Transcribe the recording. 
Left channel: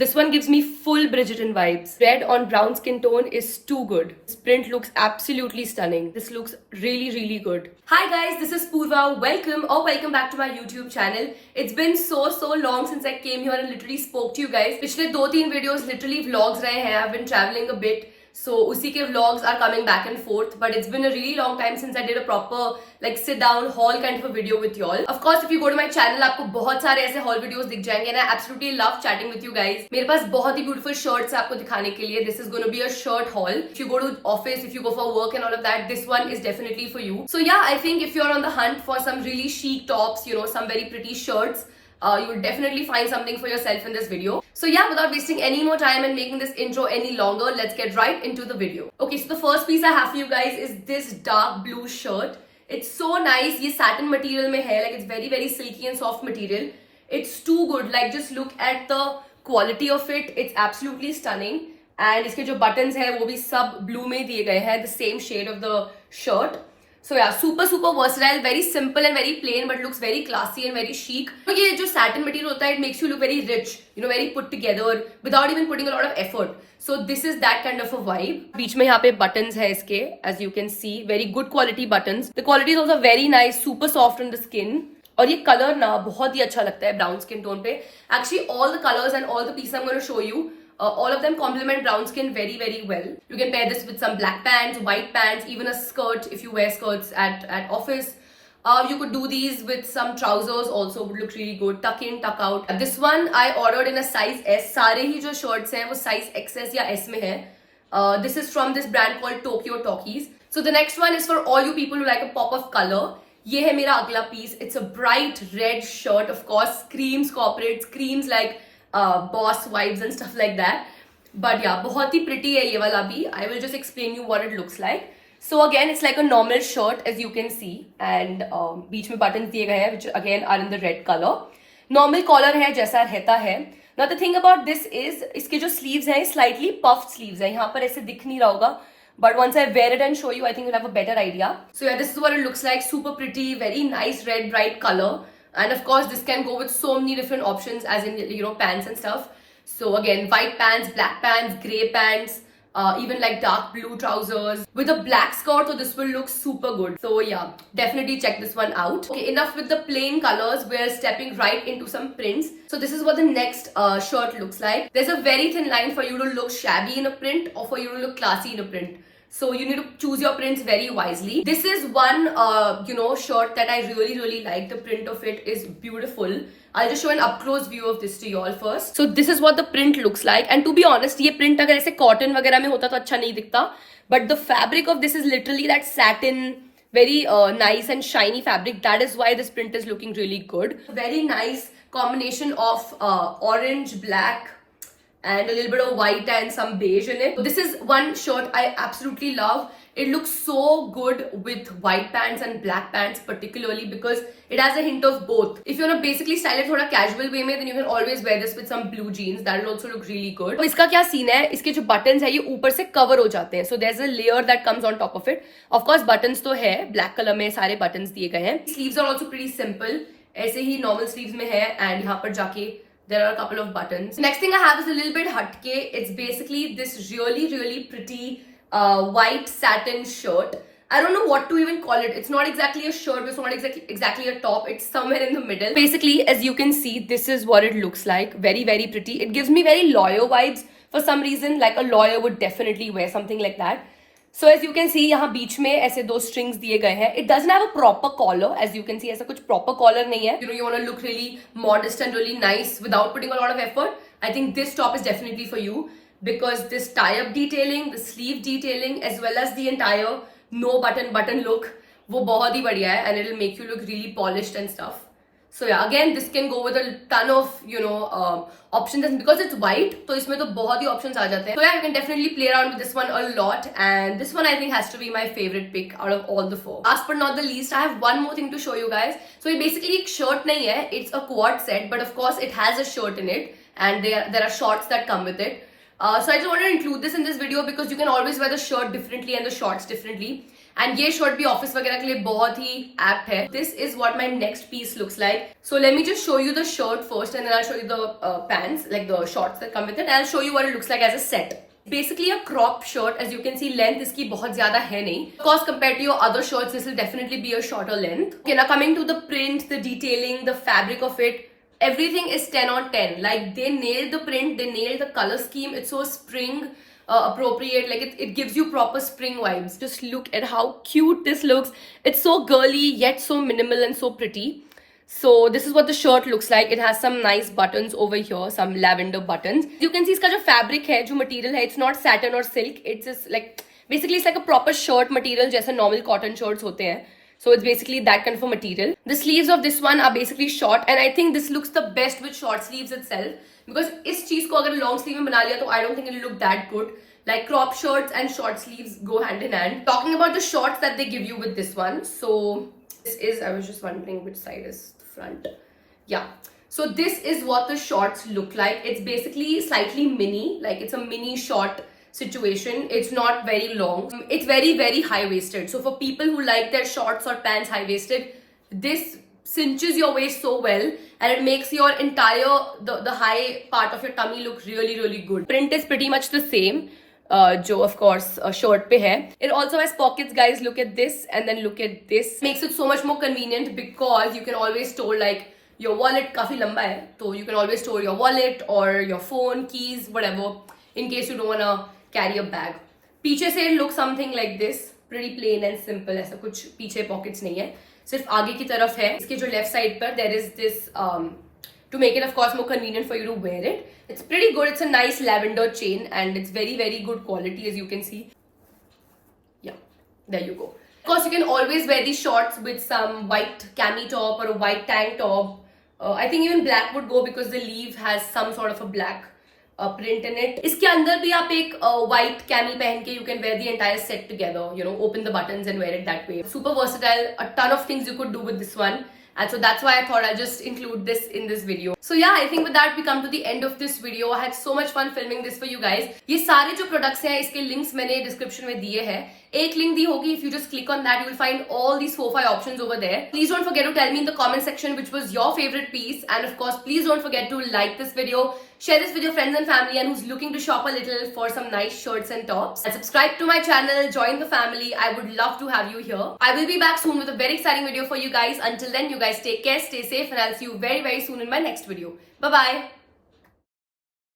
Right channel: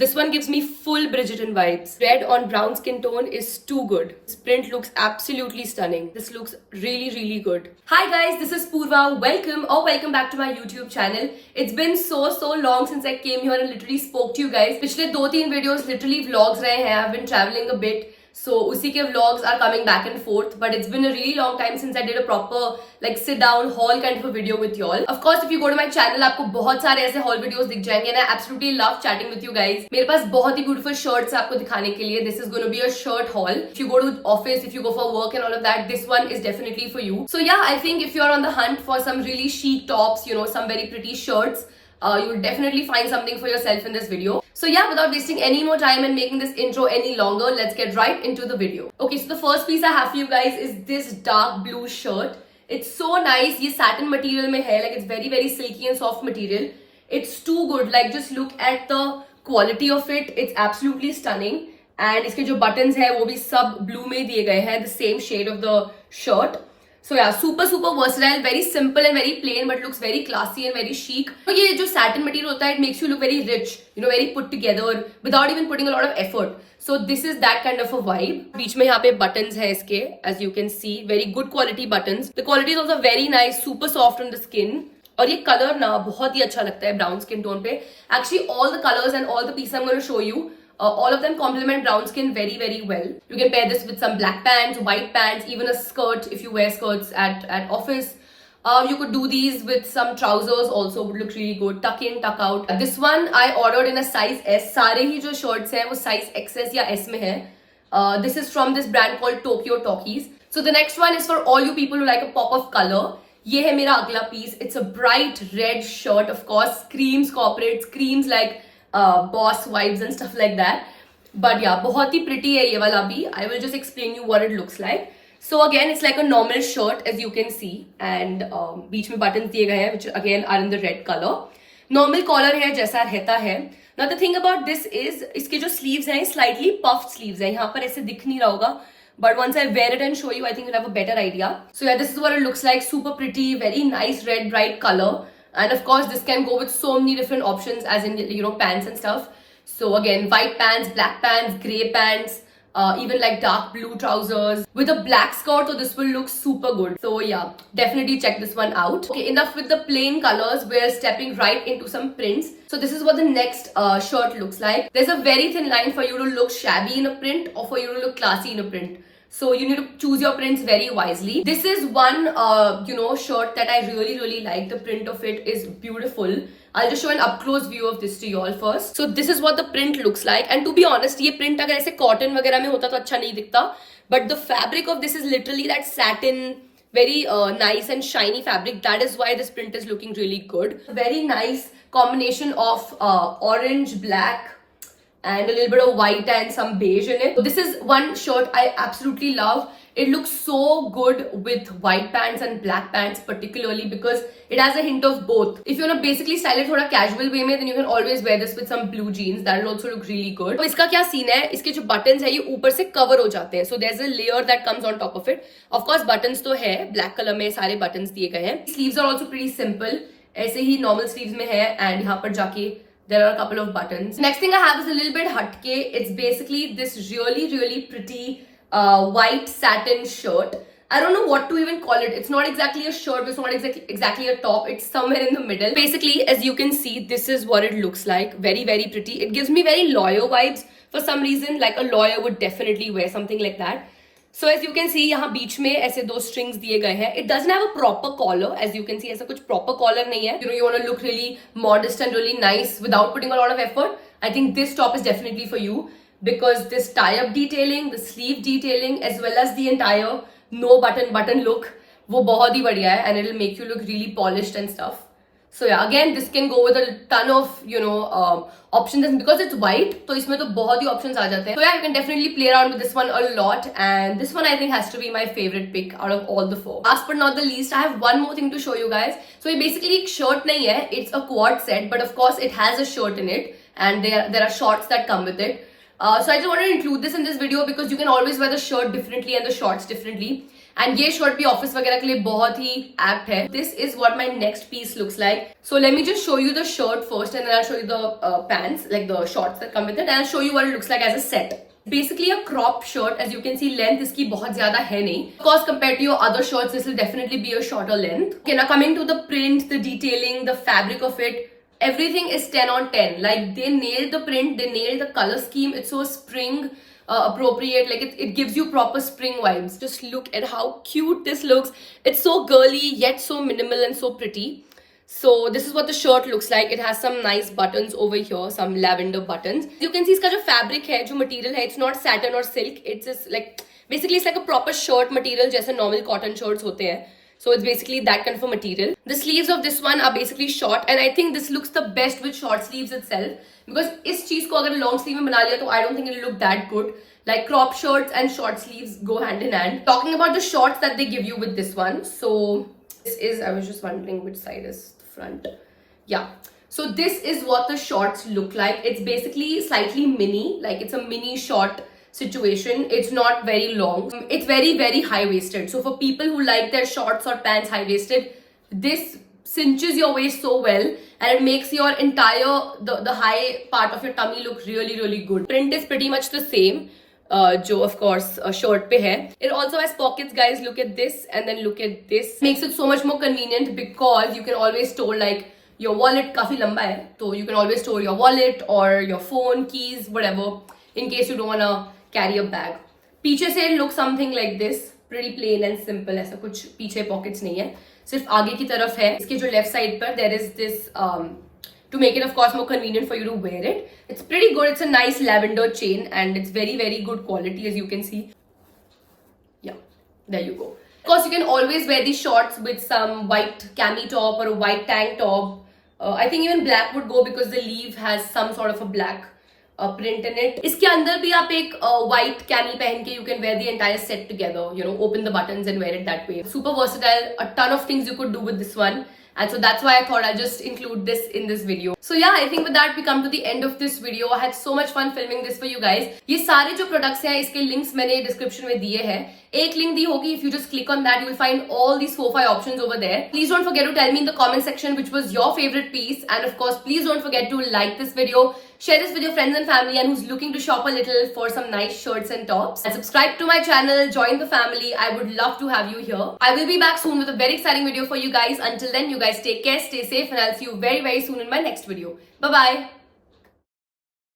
This one gives me full Bridgerton vibes. Red on brown skin tone is too good. This print looks absolutely stunning. This looks really, really good. Hi guys, this is Purva. Welcome back to my YouTube channel. It's been so long since I came here and literally spoke to you guys. पिछले 2-3 videos literally vlogs रहे हैं. I've been traveling a bit. So उसी के vlogs are coming back and forth, but it's been a really long time since I did a proper like sit down haul kind of a video with y'all. Of course, if you go to my channel, आपको बहुत सारे ऐसे haul videos दिख जाएंगे and I absolutely love chatting with you guys. मेरे पास बहुत ही beautiful shirts है आपको दिखाने के लिए. This is going to be a shirt haul. If you go to office, if you go for work and all of that, this one is definitely for you. So yeah, I think if you're on the hunt for some really chic tops, you know, some very pretty shirts, you will definitely find something for yourself in this video. So yeah, without wasting any more time and making this intro any longer, let's get right into the video. Okay, so the first piece I have for you guys is this dark blue shirt. It's so nice. ये satin material में है, like it's very silky and soft material. It's too good. Like just look at the quality of it. It's absolutely stunning. And इसके जो buttons है वो भी सब blue में दिए गए हैं, the same shade of the shirt. So yeah, super versatile, very simple and very plain, but looks very classy and very chic. तो ये जो satin material होता है, it makes you look very rich, you know, very put together, without even putting a lot of effort. So this is that kind of a vibe. बीच में यहाँ पे buttons है इसके, as you can see, very good quality buttons. The quality is also very nice, super soft on the skin. और ये color ना बहुत ही अच्छा लगता है brown skin tone पे. Actually, all the colors and all the pieces I'm going to show you, all of them complement brown skin very well. You can pair this with some black pants, white pants, even a skirt if you wear skirts at office. You could do these with some trousers also, would look really good. Tuck in, tuck out. This one I ordered in a size S. सारे ही जो shirts हैं वो size XS या S में है. This is from this brand called Tokyo Talkies. So the next one is for all you people who like a pop of color. ये है मेरा अगला piece. It's a bright red shirt, of course. Screams corporate, screams like boss vibes and stuff like that. But yeah, बहुत ही pretty है ये वाला भी. I will just explain you what it looks like. So again, it's like a normal shirt as you can see, and बीच में buttons दिए गए हैं which again are in the red color. Normal collar है जैसा रहता है. Now the thing about this is इसके जो sleeves हैं slightly puffed sleeves हैं. यहाँ पर ऐसे दिख नहीं रहा होगा. But once I wear it and show you, I think you'll have a better idea. So yeah, this is what it looks like. Super pretty, very nice red bright color. And of course, this can go with so many different options, as in, you know, pants and stuff. So again, white pants, black pants, gray pants, even like dark blue trousers with a black skirt. So this will look super good. So yeah, definitely check this one out. Okay, enough with the plain colors. We're stepping right into some prints. So this is what the next shirt looks like. There's a very thin line for you to look shabby in a print or for you to look classy in a print. So you need to choose your prints very wisely. This is one, you know, shirt that I really like. The print of it is beautiful. I'll just show an up-close view of this to you all first. So this is what the print looks like. And to be honest, ये print अगर ऐसे cotton वगैरह में होता तो अच्छा नहीं दिखता. But the fabric of this is literally that satin, very nice and shiny fabric. That is why this print is looking really good. Very nice combination of orange, black, and a little bit of white and some beige in it. So this is one shirt I absolutely love. It looks so good with white pants and black pants particularly because it has a hint of both. If you want to basically style it थोड़ा casual way में, then you can always wear this with some blue jeans. That will also look really good. तो इसका क्या scene है? इसके जो buttons है ये ऊपर से cover हो जाते हैं. So there's a layer that comes on top of it. Of course buttons तो है, black color में सारे buttons दिए गए हैं. Sleeves are also pretty simple. ऐसे ही normal sleeves में है and यहाँ पर जाके there are a couple of buttons. Next thing I have is a little bit hatke. It's basically this really pretty white satin shirt. I don't know what to even call it. It's not exactly a shirt, but it's not exactly a top. It's somewhere in the middle. Basically, as you can see, this is what it looks like. Very pretty. It gives me very lawyer vibes for some reason. Like a lawyer would definitely wear something like that. So as you can see, यहाँ बीच में ऐसे दो strings दिए गए हैं. It doesn't have a proper collar, as you can see. ऐसा कुछ proper collar नहीं है. You know, you want to look really modest and really nice without putting a lot of effort. I think this top is definitely for you because this tie-up detailing, the sleeve detailing, as well as the entire no button look, वो बहुत ही बढ़िया है and it'll make you look really polished and stuff. So yeah, again, this can go with a ton of, you know, options, and because it's white, तो इसमें तो बहुत ही options आ जाते हैं. So yeah, you can definitely play around with this one a lot, and this one I think has to be my favorite pick out of all the four. Last but not the least, I have one more thing to show you guys. So ये basically एक shirt नहीं है, it's a quad set, but of course it has a shirt in it, and there are shorts that come with it. So I just wanted to include this in this video because you can always wear the shirt differently and the shorts differently. And ये shirt भी office वगैरह के लिए बहुत ही apt है. This is what my next piece looks like. So let me just show you the shirt first and then I show you the pants, like the shorts that come with it, and I show you what it looks like as a set. Basically a crop shirt, as you can see length इसकी बहुत ज्यादा है नहीं. Of course compared to your other shirts this will definitely be a shorter length. Okay, now coming to the print, the detailing, the fabric of it, everything is 10 on 10. Like they nailed the print, they nailed the color scheme. It's so spring appropriate, like it gives you proper spring vibes. Just look at how cute this looks. It's so girly yet so minimal and so pretty. So this is what the shirt looks like. It has some nice buttons over here, some lavender buttons. You can see इसका जो fabric है, जो material है, it's not satin or silk. It's just like basically it's like a proper shirt material जैसे normal cotton shirts होते हैं. So it's basically that kind of a material. The sleeves of this one are basically short, and I think this looks the best with short sleeves itself, because इस चीज को अगर long sleeve में बना लिया तो I don't think it will look that good. Like crop shirts and short sleeves go hand in hand. Talking about the shorts that they give you with this one, so this is, I was just wondering which side is front. Yeah, so this is what the shorts look like. It's basically slightly mini, like it's a mini short situation. It's not very long. It's very very high waisted, so for people who like their shorts or pants high waisted, this cinches your waist so well and it makes your entire the high part of your tummy look really really good. Print is pretty much the same, जो of course shirt पे है. It also has pockets, guys. Look at this and then look at this. Makes it so much more convenient because you can always store like your wallet. काफी लंबा है तो you can always store your wallet or your phone, keys, whatever, in case you don't wanna carry a bag. पीछे से look something like this, pretty plain and simple. ऐसा कुछ पीछे pockets नहीं है, सिर्फ आगे की तरफ है. इसके जो left side पर there is this to make it of course more convenient for you to wear it. It's pretty good. It's a nice lavender chain and it's very very good quality, as you can see. Yeah, there you go. Of course you can always wear these shorts with some white cami top or a white tank top. I think even black would go because the sleeve has some sort of a black print in it. इसके अंदर भी आप एक white cami पहन के you can wear the entire set together, you know, open the buttons and wear it that way. Super versatile. A ton of things you could do with this one. And so that's why I thought I'd just include this in this video. So yeah, I think with that we come to the end of this video. I had so much fun filming this for you guys. ये सारे जो products हैं इसके links मैंने description में दिए हैं. एक link दी होगी, if you just click on that you will find all these 4-5 options over there. Please don't forget to tell me in the comment section which was your favorite piece, and of course please don't forget to like this video, share this with your friends and family and who's looking to shop a little for some nice shirts and tops. And subscribe to my channel, join the family. I would love to have you here. I will be back soon with a very exciting video for you guys. Until then, you guys take care, stay safe, and I'll see you very very soon in my next video. Bye bye.